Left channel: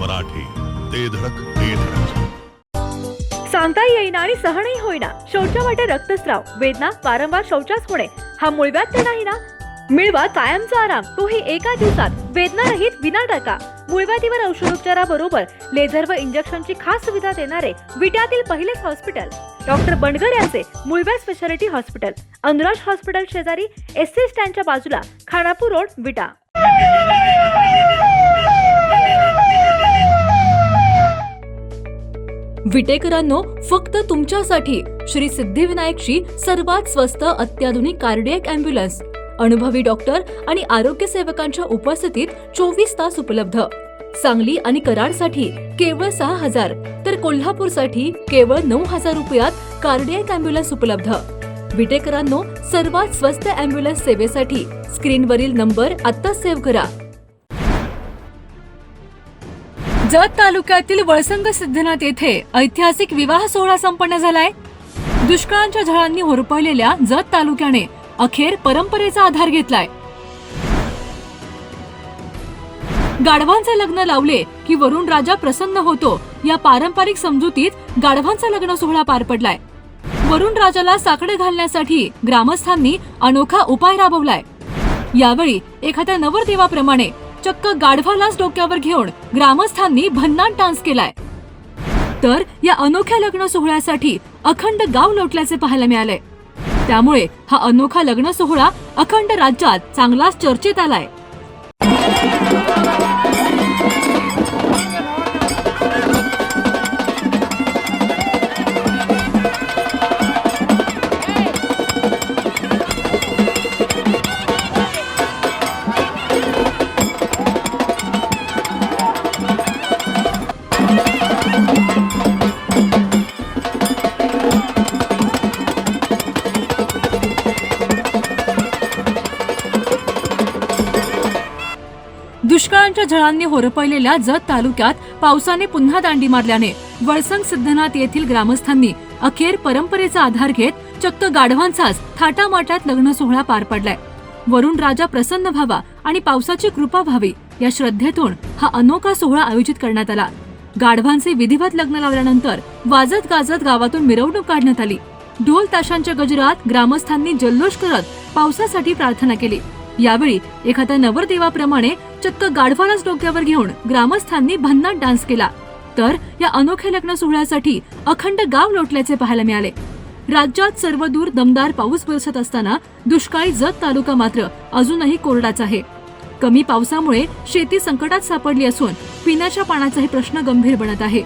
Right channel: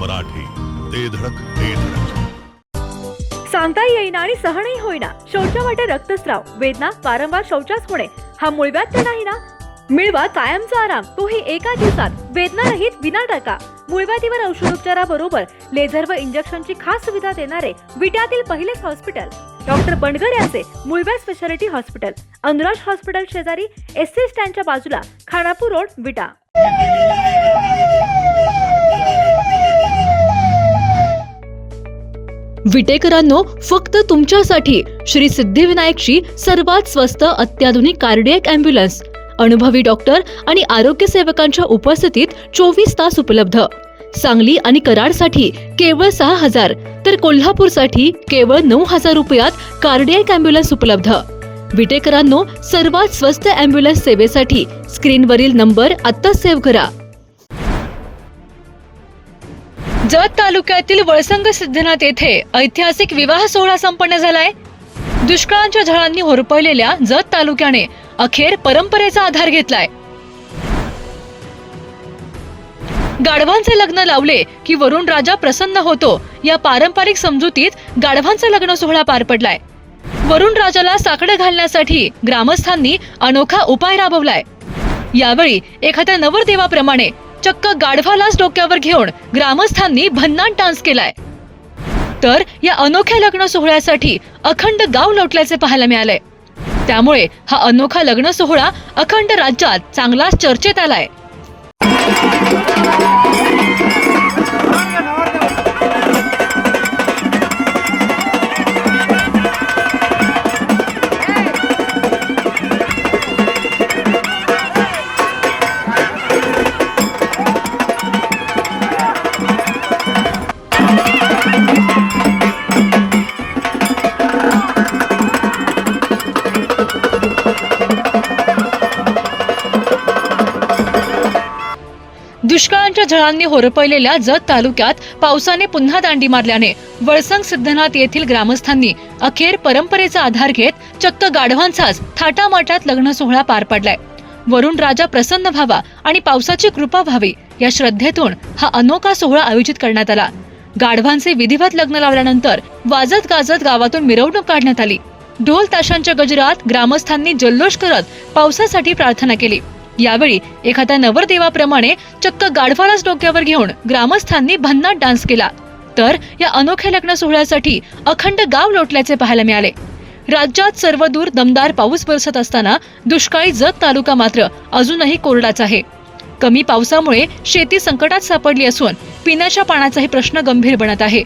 मराठी, ते धडक ते धडक. सांगता येईना आणि सहनही होईना, शौचा वाटे रक्तस्राव, वेदना, वारंवार शौचास होणे, हा मूळव्याध तर नाही ना? मिळवा कायमचा आराम, तोही एका दिवसात, वेदना रहित, विना टाका. मूळव्याधीवर औषधोपचाराबरोबर लेझर व इंजेक्शनची खास सुविधा देणारे विट्यातील पहिलेच हॉस्पिटल डॉक्टर बंडगर यांचे मूळव्याध स्पेशालिटी हॉस्पिटल, अनुराज हॉस्पिटल शेजारी, एसटी स्टँडच्या बाजूला, खानापूर रोड, विटा. विटेकरांनो, फक्त तुमच्यासाठी श्री सिद्धिविनायकची सर्वात स्वस्त अत्याधुनिक कार्डियक ॲम्ब्युलन्स, अनुभवी डॉक्टर आणि आरोग्य सेवकांच्या उपस्थितीत 24 तास उपलब्ध. सांगली आणि कराडसाठी केवळ 6,000 तर कोल्हापूरसाठी केवळ 9,000 रुपयात कार्डियक ॲम्ब्युलन्स उपलब्ध. विटेकरांनो, सर्वात स्वस्त ॲम्ब्युलन्स सेवेसाठी स्क्रीनवरील नंबर आत्ता सेव्ह करा. जत तालुक्यातील वळसंग सिद्धनाथ येथे ऐतिहासिक विवाह सोहळा संपन्न झालाय. दुष्काळांच्या झळांनी होरपळलेल्या जत तालुक्याने अखेर परंपरेचा आधार घेतलाय. गाढवांचे लग्न लावले की वरुण राजा प्रसन्न होतो, या पारंपरिक समजुतीत गाढवांचा लग्न सोहळा पार पडलाय. वरुण राजाला साकडं घालण्यासाठी ग्रामस्थांनी अनोखा उपाय राबवलाय. यावेळी एखाद्या नवरदेवाप्रमाणे चक्क गाढवालाच डोक्यावर घेऊन ग्रामस्थांनी भन्नाट डान्स केलाय. तर या अनोख्या लग्न सोहळ्यासाठी अखंड गाव लोटल्याचे पाहायला मिळालंय. त्यामुळे हा अनोखा लग्न सोहळा अखंड राज्यात चांगलाच चर्चेत आलाय. दुष्काळांच्या झळांनी होरपळलेल्या जत तालुक्यात पावसाने पुन्हा दांडी मारल्याने वळसंग सिद्धनाथ येथील ग्रामस्थांनी अखेर परंपरेचा आधार घेत चक्क गाढवांचाच थाटामाटात लग्न सोहळा पार पडलाय. वरुण राजा प्रसन्न व्हावा आणि पावसाची कृपा व्हावी या श्रद्धेतून हा अनोखा सोहळा आयोजित करण्यात आला. गाढवांचे विधिवत लग्न लावल्यानंतर वाजत गाजत गावातून मिरवणूक काढण्यात आली. ढोल ताशांच्या गजरात ग्रामस्थांनी जल्लोष करत पावसासाठी प्रार्थना केली. यावेळी एखाद्या नवरदेवाप्रमाणे चक्क गाढवालाच डोक्यावर घेऊन ग्रामस्थांनी भन्नाट डान्स केला. तर या अनोख्या लग्न सोहळ्यासाठी अखंड गाव लोटल्याचे पाहायला मिळाले. राज्यात सर्वदूर दमदार पाऊस बरसत असताना दुष्काळी जत तालुका मात्र अजूनही कोरडाच आहे. कमी पावसामुळे शेती संकटात सापडली असून पिण्याच्या पाण्याचाही प्रश्न गंभीर बनत आहे.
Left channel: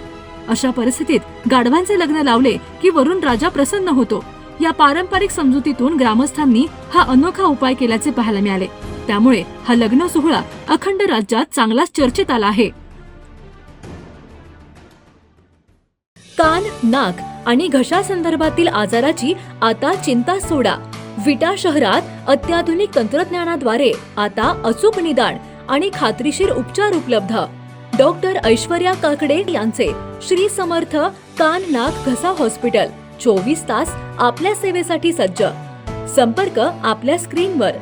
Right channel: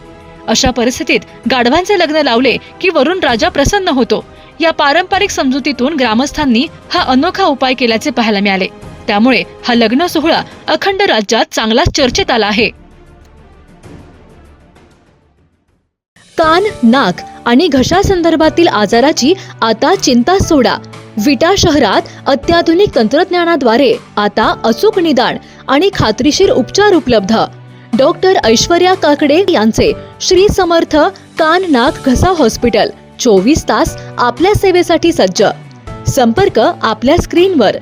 अशा परिस्थितीत गाढवांचे लग्न लावले की वरुण राजा प्रसन्न होतो, या पारंपरिक समजुतीतून ग्रामस्थांनी हा अनोखा उपाय केल्याचे पाहायला मिळाले. त्यामुळे हा लग्न सोहळा अखंड राज्यात चांगलाच चर्चेत आला आहे. कान, नाक आणि घशासंदर्भातील आजाराची आता चिंता सोडा. विटा शहरात अत्याधुनिक तंत्रज्ञानाद्वारे आता अचूक निदान आणि खात्रीशीर उपचार उपलब्ध. डॉक्टर ऐश्वर्या काकडे यांचे श्री समर्थ कान, नाक, घसा हॉस्पिटल 24 तास आपल्या सेवेसाठी सज्ज. संपर्क आपल्या स्क्रीनवर.